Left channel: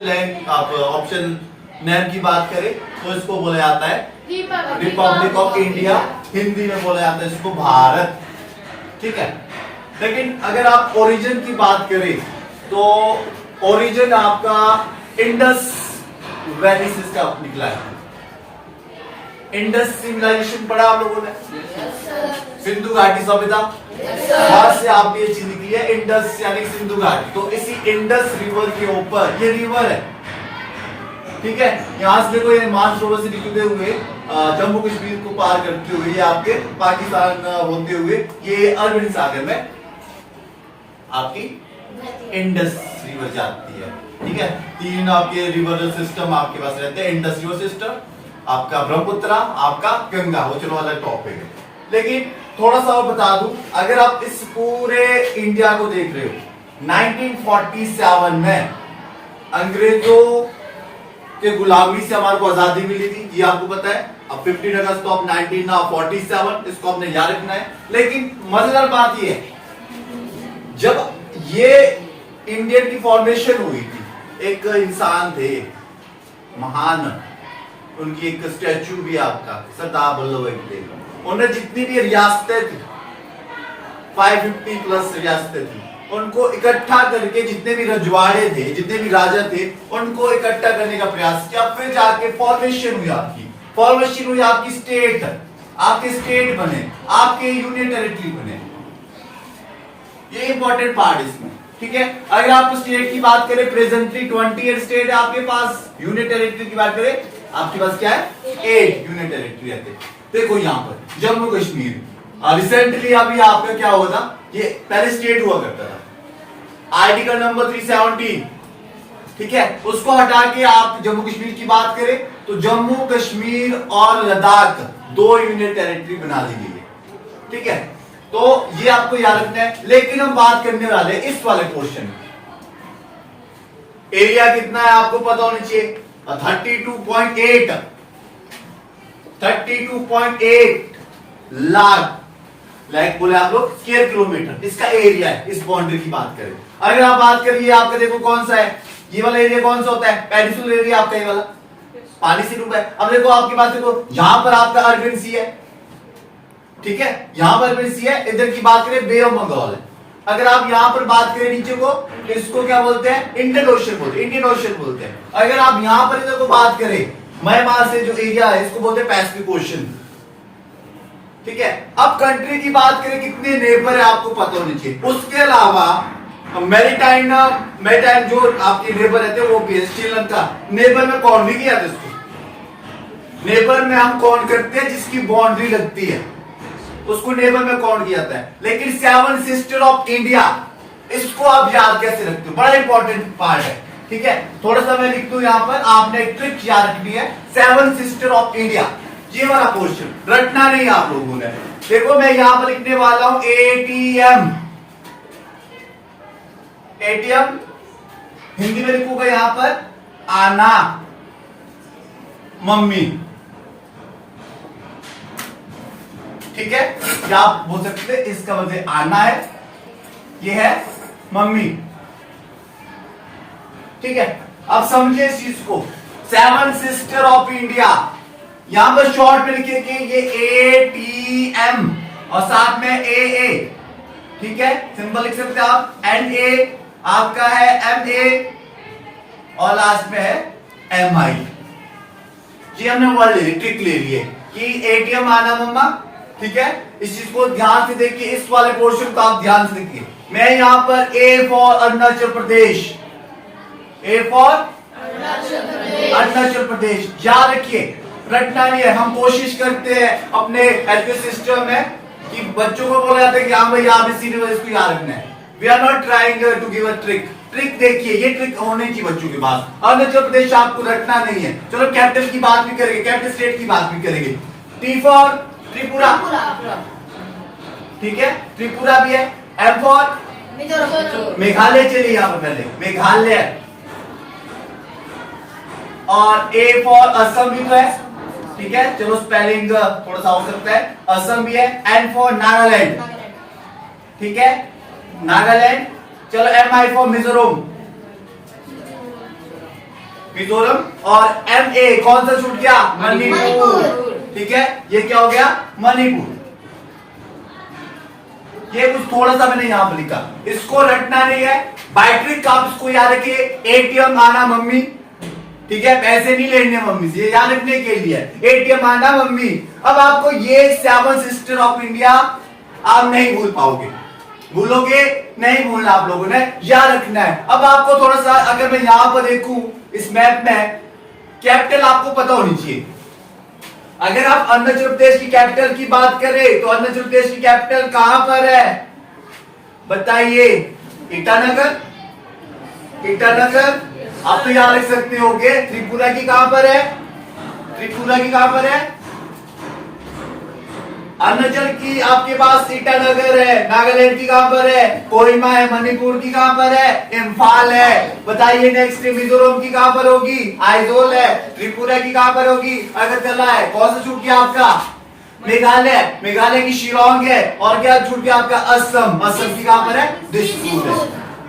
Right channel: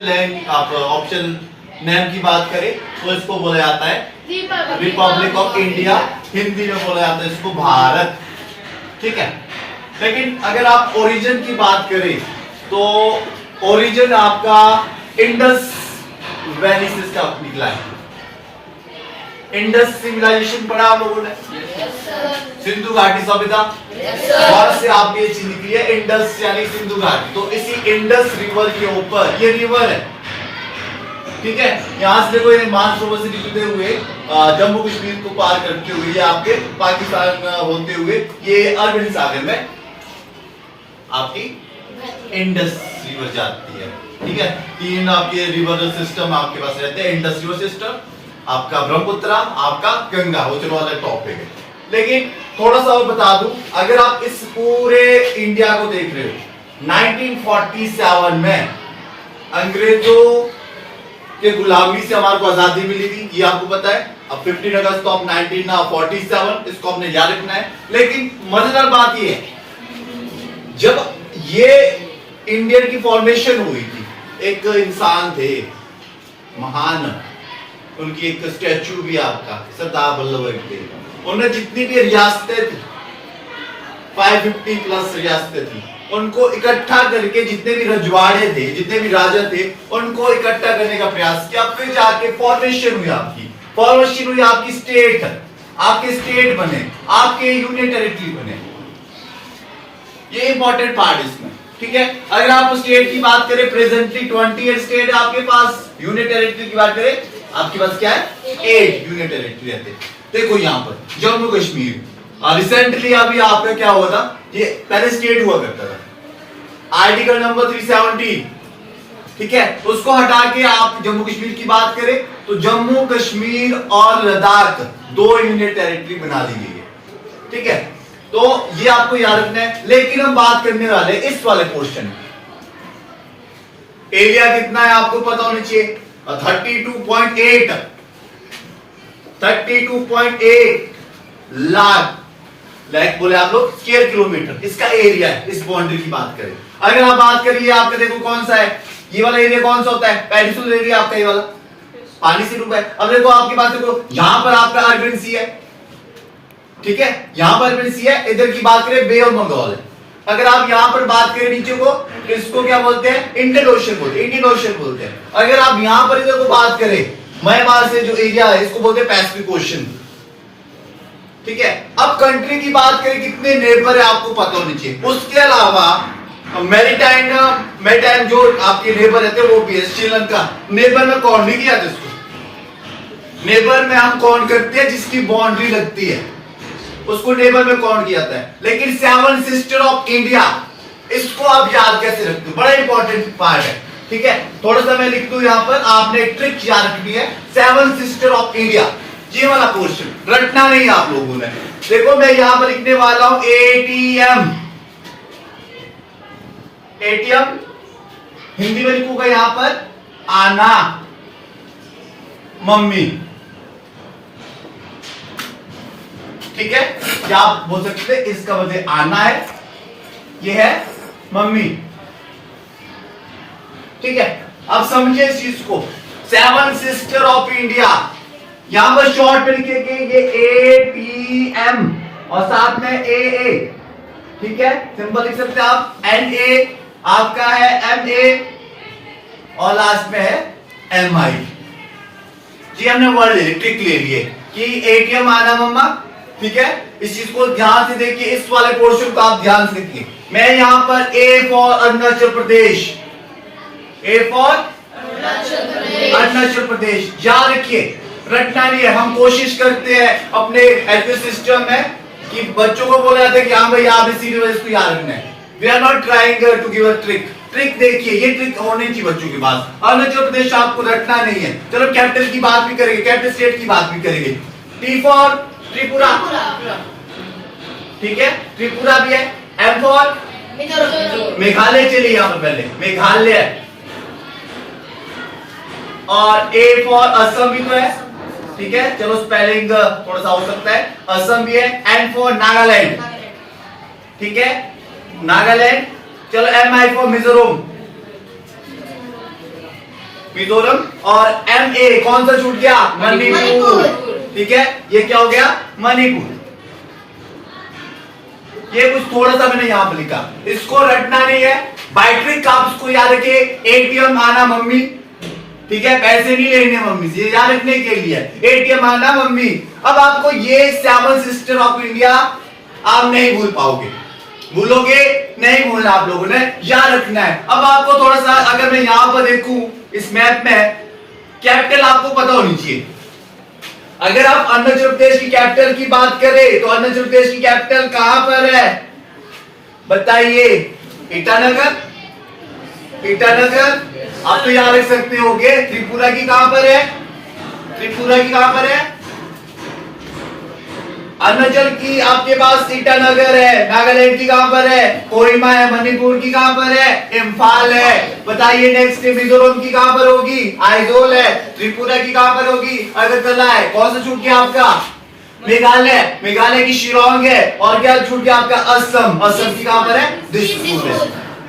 आप option name की बात करें तो इसको बोला जाता है रिपब्लिक ऑफ इंडिया, हिंदी में बोला जाता है इसको भारत। ठीक है, लेकिन अगर आप ओरिजिन की बात करें तो ओरिजिन आपका इंडस वैली से स्टार्ट निकला है। इंडस सिविलाइजेशन पढ़ा आप लोगों ने? सिंधु घाटी सभ्यता, वहां से आपकी ये चीज निकली है इंडस यानी सिंधु घाटी। तो इसी इंडस रिवर के ऊपर ये रिवर है, ठीक है, यहां से देखो ये मानसरोवर से निकलते हुए जम्मू कश्मीर को पार करते हुए ये आपके पाकिस्तान होते हुए ये अरबी सागर में आपकी इंडस रिवर जाती है। ठीक है, तीन आपके रिवर सिस्टम आपके पास रहते हैं, इंडस रिवर सिस्टम, आपका ब्रह्मपुत्र, आपका गंगा, वो चलो अलग टॉपिक है। लेकिन थोड़ा सा बता दूं, अगर आप इस पूरे इंडिया को देख रहे हो 1947 में अंग्रेजों के गुलामी से हमारे को आजादी मिली थी, ये आपको पता है। अब 15 अगस्त ऑफ 1947 इसको हमने याद रखना है। लेकिन मजेदार बात ये है, जब ये इंडियन की फॉर्मेशन हुई थी, एक इंसान थे महान, उनकी एक स्टैचू भी आपका सरदार वल्लभ भाई पटेल, उन्हें जितनी भी रियासतें थी 550 प्लस रियासतें थी, उनको इकट्ठा करके जितने भी रजवाड़े थे, जितने भी राजा थे, उनको इकट्ठा करने का प्रयास किया। फिर जाके फॉर्मेशन हुई आपकी, फॉर्मेशन हुई आपकी स्टेट, आपके स्टेट बने, आपके यूनियन टेरिटरी बने। ये इंपॉर्टेंट पार्ट इसमें, ठीक है। अगर आप स्टेट की बात करें, प्रेजेंटली 28 स्टेट है आपके पास। यूनियन टेरिटरी की बात करें, आपके पास क्या है? 8 यूनियन टेरिटरी रहते। देखो यहाँ पर जम्मू कश्मीर, रिसेंटली अभी आपका क्या हुआ था, ये पहले स्टेट हुआ करता था, आर्टिकल नंबर 370, ठीक है, उसको हटा के आप जम्मू कश्मीर की बात करें तो जम्मू कश्मीर और लद्दाख 2 यूनियन टेरिटरी बना दी गई है। ठीक है, तो ये आपको याद रखना है। लेकिन हम बात करने वाले इस वाले पोर्शन, एरिया कितना है आपको पता होना चाहिए, 32.8 लाख बोले आप लोग स्क्वायर किलोमीटर इसका एरिया है। इस बाउंड्री की बात करें, अगर आप बात करिए आपका देखो कौन सा है, ये वाला एरिया कौन सा होता है? पेनिनसुलर एरिया आपका, ये वाला पानी से डूबा है। अब देखो आपके पास देखो यहां पर आपका अरबियन सी है, ठीक है, यहां पर अरबियन सी है। इधर की बात करें बे ऑफ बंगाल है। अगर आप यहां पर बात करें नीचे को, इसको क्या बोलते हैं? इंडियन ओशन बोलते हैं, इंडियन ओशन बोलते हैं। अगर आप यहां पर इधर को बात करें, म्यांमार से जो एरिया है इसको बोलते हैं पैसिफिक ओशन। ठीक है, अब कंट्री की बात करें कितने नेबर है आपको पता होनी चाहिए। उसके अलावा मैरीटाइम जो आपके नेबर रहते हैं वो भी है। श्रीलंका नेबर में कौन भी किया था इसको? नेबर में हम कौन करते हैं जिसकी बाउंड्री लगती है, उसको नेबर में कौन किया जाता है। लेकिन 7 सिस्टर ऑफ इंडिया, इसको आप याद कैसे रखते हो? बड़ा इंपॉर्टेंट पार्ट है, ठीक है। थोड़ा सा मैं लिख दूं यहां पर, आपने ट्रिक याद रखनी है। 7 सिस्टर ऑफ इंडिया, ये वाला पोर्शन रटना नहीं आप लोगों ने। देखो मैं यहां पर लिखने वाला हूं एटीएम, एटीएम हिंदी में लिखूंगा यहां पर आना, मम्मी, ठीक है। क्या आप बोल सकते हैं इसका वजह आना है, ये है मम्मी, ठीक है। अब समझिए इस चीज को, 7 सिस्टर ऑफ इंडिया, यहां पर शॉर्ट में लिखेंगे ये एटीएम और साथ में ए, ठीक है, सिंपल लिख सकते हैं आप। एनए आपका है एमए और लास्ट में है एमआई। जी हमने वर्ड ट्रिक ले लिए कि एटीएम आना मम्मा, ठीक है। इस चीज को ध्यान से देखिए, इस वाले पोर्शन को आप ध्यान से देखिए। मैं यहां पर A for Arunachal Pradesh, A for Arunachal Pradesh, याद रखिए, रटना नहीं है। हम कोशिश करते हैं अपने एजुकेशन सिस्टम में कि बच्चों को बोला जाता है कि हाँ भाई आप इसी इसको याद रखना है। We are not trying to give a trick. Trick देखिए, ये ट्रिक होने की बच्चों के पास। अरुणाचल प्रदेश आपको रटना नहीं है। चलो कैपिटल की बात भी करेंगे, कैपिटल स्टेट की बात भी करेंगे। टी फॉर त्रिपुरा, ठीक है, त्रिपुरा भी है। एम फॉर मेघालय, चलिए यहां पर पहले मेघालय, और ए फॉर असम भी तो है, ठीक है। चलो स्पेलिंग थोड़ा सा हो सकता है, असम भी है। एन फॉर नागालैंड, ठीक है, नागालैंड। चलो M I for Mizoram, Mizoram, और MA कौन सा छूट गया? मणिपुर। ठीक है, ये क्या हो गया? मणिपुर। ये कुछ थोड़ा सा मैंने यहां पर लिखा, इसको रटना नहीं है। बाइट्रिक आप इसको याद रखिए, ATM आना मम्मी, ठीक है, पैसे नहीं लेने मम्मी से, ये याद रखने के लिए। ATM आना मम्मी। अब आपको ये 7 सिस्टर ऑफ इंडिया आप नहीं भूल पाओगे, भूलोगे नहीं, भूलना आप लोगों ने याद रखना है। अब आपको थोड़ा सा, अगर मैं यहां पर देखूं इस मैप में, कैपिटल आपको पता होनी चाहिए। अगर आप अरुणाचल प्रदेश की कैपिटल की बात करें तो अरुणाचल प्रदेश की कैपिटल कहां पर है? बताइए। ईटानगर, ईटानगर आप तो याद रख सकते होगे। त्रिपुरा की कहां पर है? त्रिपुरा की कहां पर है? अरुणाचल की आपके पास ईटानगर है। नागालैंड की कहां पर है? कोहिमा है। मणिपुर की कहां पर है? इम्फाल है। बताइए नेक्स्ट, मिजोरम की कहां पर होगी? आइजोल है। त्रिपुरा की कहां पर होगी? अगरतला है। कौन सा छूट गया आपका? मेघालय, मेघालय की शिलोंग है। और क्या छूट गया आपका? असम, असम की कहां पर है? दिसपुर है।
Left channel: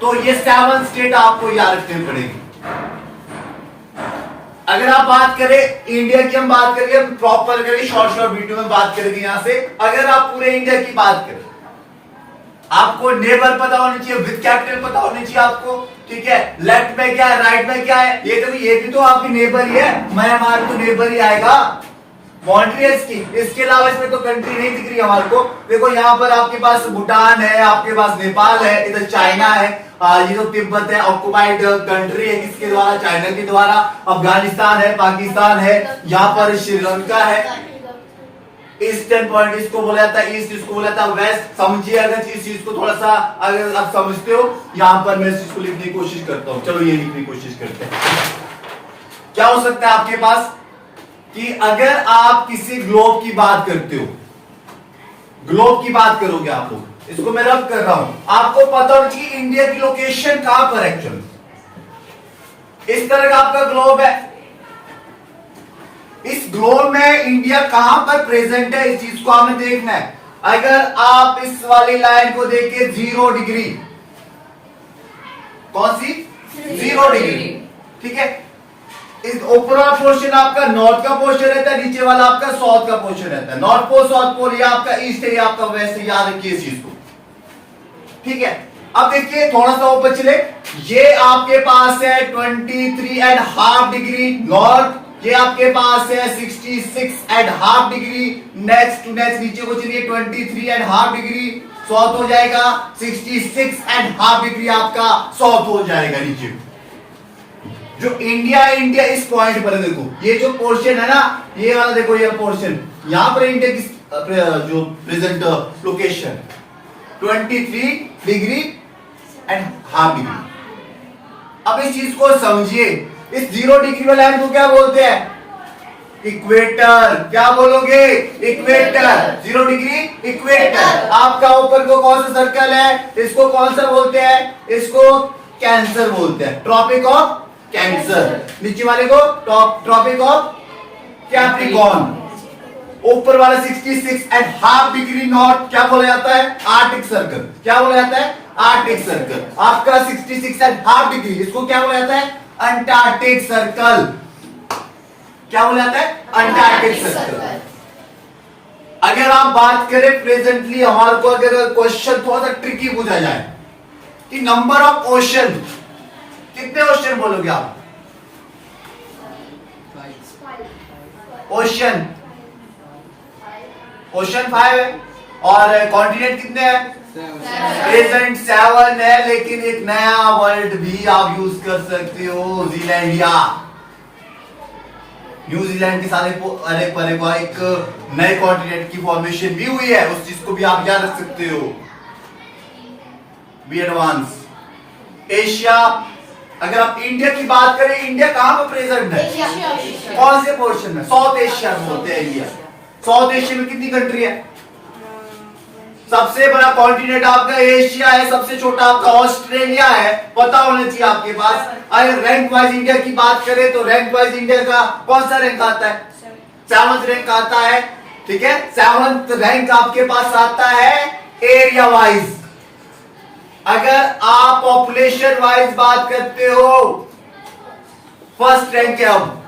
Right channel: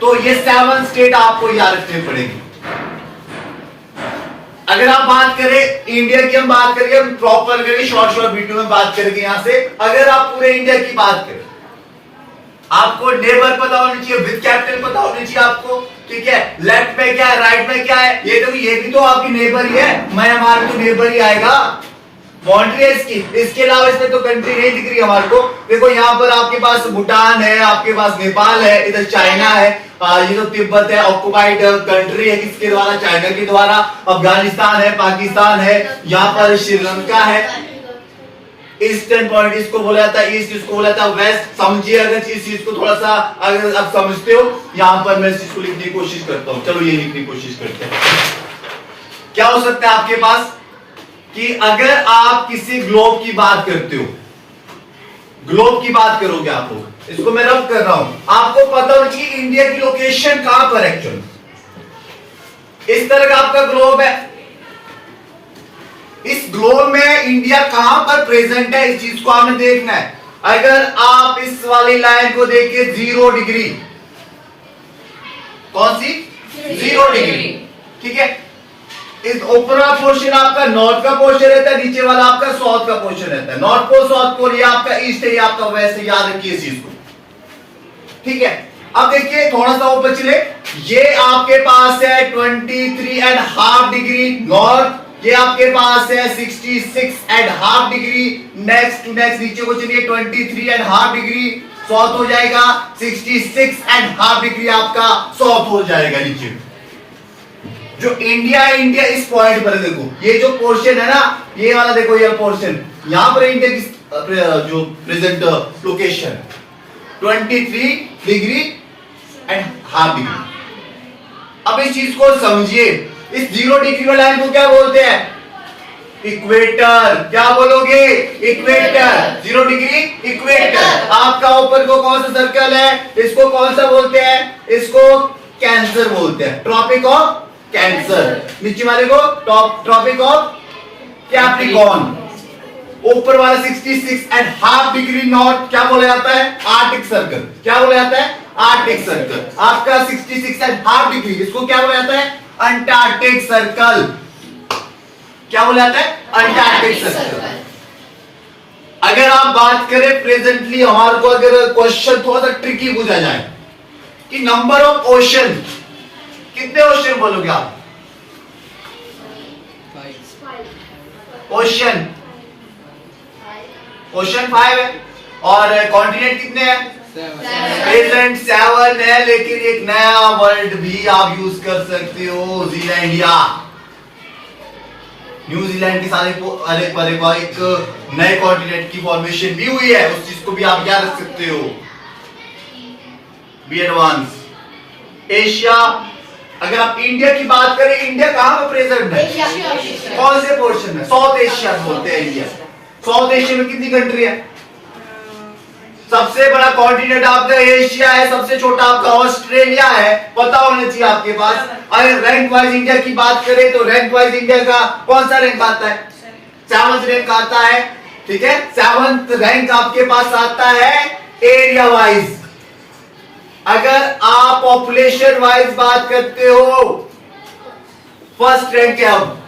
तो ये 7 स्टेट आपको याद रखने पड़ेगी। अगर आप बात करें इंडिया की, हम बात करेंगे, हम प्रॉपर करेंगे, शॉर्ट वीडियो में बात करेंगे यहां से। अगर आप पूरे इंडिया की बात करें, आपको नेबर पता होनी चाहिए, विद कैपिटल पता होनी चाहिए आपको, ठीक है। लेफ्ट में क्या है, राइट में क्या है, ये भी तो आपकी नेबर ही है। मैं हमारा तो नेबर ही आएगा, बाउंड्री है इसकी। इसके अलावा इसमें तो कंट्री नहीं दिख रही हमारे को। देखो यहाँ पर आपके पास भूटान है, आपके पास नेपाल है, इधर चाइना है, ये तो तिब्बत है, ऑक्युपाइड कंट्री है किसके द्वारा? चाइना के द्वारा। अफगानिस्तान है, पाकिस्तान है, यहाँ पर श्रीलंका है। ईस्टर्न पॉइंट इसको बोला जाता है, ईस्ट इसको बोला जाता है, वेस्ट। समझिए अगर इस चीज को थोड़ा सा, अगर आप समझते हो, यहाँ पर मैं इस चीज को लिखने की कोशिश करता हूँ। चलो ये लिखने की कोशिश करते हैं। क्या हो सकता है आपके पास कि अगर आप किसी ग्लोब की बात करते हो, ग्लोब की बात करोगे आप लोग, इसको मैं रब कर रहा हूं, आपको पता हो कि इंडिया की लोकेशन कहां पर एक्चुअली। इस तरह का आपका ग्लोब है, इस ग्लोब में इंडिया कहां पर प्रेजेंट है, इस चीज को आपने देखना है। अगर आप इस वाली लाइन को देखिए 0 डिग्री, कौन सी? 0 डिग्री, ठीक है। इस ऊपर वाला पोर्शन आपका नॉर्थ का पोर्शन रहता है, नीचे वाला आपका साउथ का पोर्शन रहता है। नॉर्थ पोल, साउथ पोल, ये आपका ईस्ट है, ये आपका वेस्ट है, याद रखिए इस चीज को, ठीक है। अब देखिए थोड़ा सा ऊपर चले, ये आपके पास है 23.5 डिग्री नॉर्थ, ये आपके पास है 66.5 डिग्री। नेक्स्ट टू नेक्स्ट नीचे को चलिए, 23.5 डिग्री साउथ हो जाएगा, 66.5 डिग्री आपका साउथ हो जाएगा नीचे। जो इंडिया है, इंडिया इस पॉइंट पर है। देखो ये जो पोर्शन है ना, ये वाला देखो, ये पोर्शन यहां पर इंडिया की जो प्रेजेंट लोकेशन 23.5 डिग्री। अब इस चीज को समझिए, इस 0 डिग्री वाला लाइन को क्या बोलते हैं? इक्वेटर। क्या बोलोगे? इक्वेटर। 0 degree equator. आपका ऊपर को कौन सा सर्कल है, इसको कौन सा बोलते हैं? इसको कैंसर बोलते हैं, ट्रॉपिक ऑफ कैंसर। नीचे वाले को ट्रॉपिक ऑफ कैप्रिकॉर्न। ऊपर वाला 66.5 डिग्री नॉर्थ क्या बोला जाता है? Arctic circle. क्या बोला जाता है? Arctic circle. आपका 66.5 डिग्री, इसको क्या बोला जाता है? Antarctic circle. क्या बोला जाता है? Antarctic circle. अगर आप बात करें प्रेजेंटली, हमारे को अगर क्वेश्चन थोड़ा सा ट्रिकी पूछा जाए कि नंबर ऑफ ओशन, कितने ओशन बोलोगे आप? ओशन, ओशन 5 है। और कॉन्टिनेंट कितने हैं? प्रेजेंट 7 है, लेकिन एक नया वर्ड भी आप यूज कर सकते हो, जीलैंडिया। न्यूजीलैंड के साथ एक नए कॉन्टिनेंट की फॉर्मेशन भी हुई है, उस चीज को भी आप याद रख सकते हो। B advance. एशिया, अगर आप इंडिया की बात करें, इंडिया कहां पर प्रेजेंट है? कौन से पोर्शन में? साउथ एशिया बोलते हैं इंडिया। साउथ एशिया में कितनी कंट्री है? सबसे बड़ा कॉन्टिनेंट आपका एशिया है, सबसे छोटा आपका ऑस्ट्रेलिया है, पता होना चाहिए आपके पास। अगर रैंक वाइज इंडिया की बात करें तो रैंक वाइज इंडिया का कौन सा रैंक आता है? 7th रैंक आता है, ठीक है। 7th रैंक आपके पास आता है एरिया वाइज। अगर आप पॉपुलेशन वाइज बात करते हो, फर्स्ट रैंक है अब,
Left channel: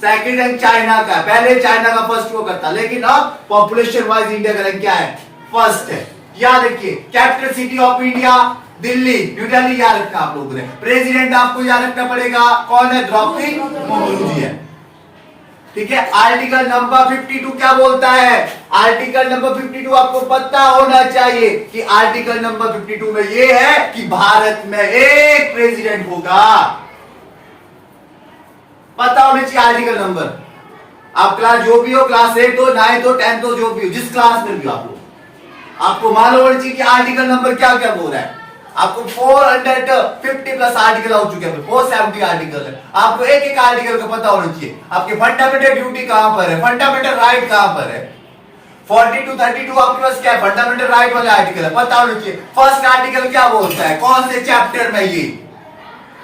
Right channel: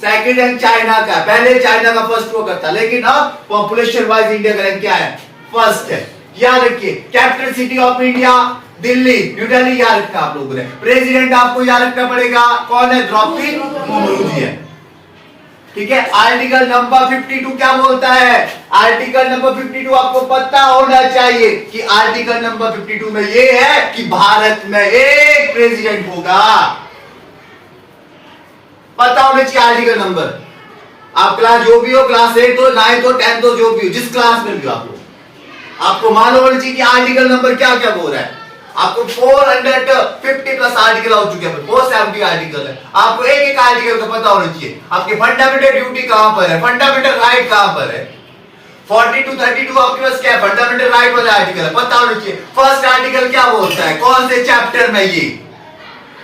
सेकंड रैंक चाइना का, पहले चाइना का फर्स्ट वो करता, लेकिन अब पॉपुलेशन वाइज इंडिया का रैंक क्या है, फर्स्ट है। याद रखिए, capital city of India Delhi, new Delhi याद रखना आप लोगों ने। प्रेसिडेंट आपको याद रखना पड़ेगा, कौन है, द्रौपदी मुर्मू जी है। ठीक है, आर्टिकल नंबर 52 क्या बोलता है, आर्टिकल नंबर 52 आपको पता होना चाहिए कि आर्टिकल नंबर 52 में ये है कि भारत में एक प्रेसिडेंट होगा, पता होना चाहिए आर्टिकल नंबर। आप क्लास जो भी हो, क्लास 8 हो, 9 हो, 10 हो, जो भी हो, जिस क्लास में भी आप हो, आपको मालूम होना चाहिए कि आर्टिकल नंबर क्या क्या बोल रहा है। आपको 450 प्लस आर्टिकल हो चुके हैं, 470 आर्टिकल है, आपको एक एक आर्टिकल का पता होना चाहिए। आपकी फंडामेंटल ड्यूटी कहां पर है, फंडामेंटल राइट कहां पर है। 40 to 32 आपके पास क्या है, फंडामेंटल राइट वाला आर्टिकल है, पता होना चाहिए। फर्स्ट आर्टिकल क्या बोलता है, कौन से चैप्टर में, ये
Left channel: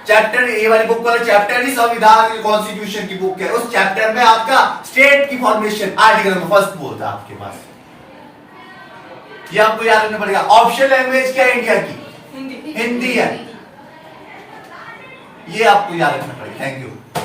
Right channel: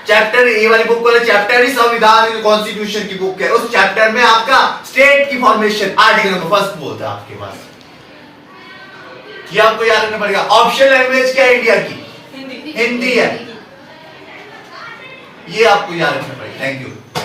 चैप्टर, ये वाली बुक वाले चैप्टर ही संविधान कॉन्स्टिट्यूशन की बुक है, उस चैप्टर में आपका स्टेट की फॉर्मेशन आर्टिकल नंबर फर्स्ट बोलता है आपके पास। ये आपको याद रखना पड़ेगा। ऑप्शनल लैंग्वेज क्या है इंडिया की, हिंदी है, ये आपको याद रखना पड़ेगा। Thank you.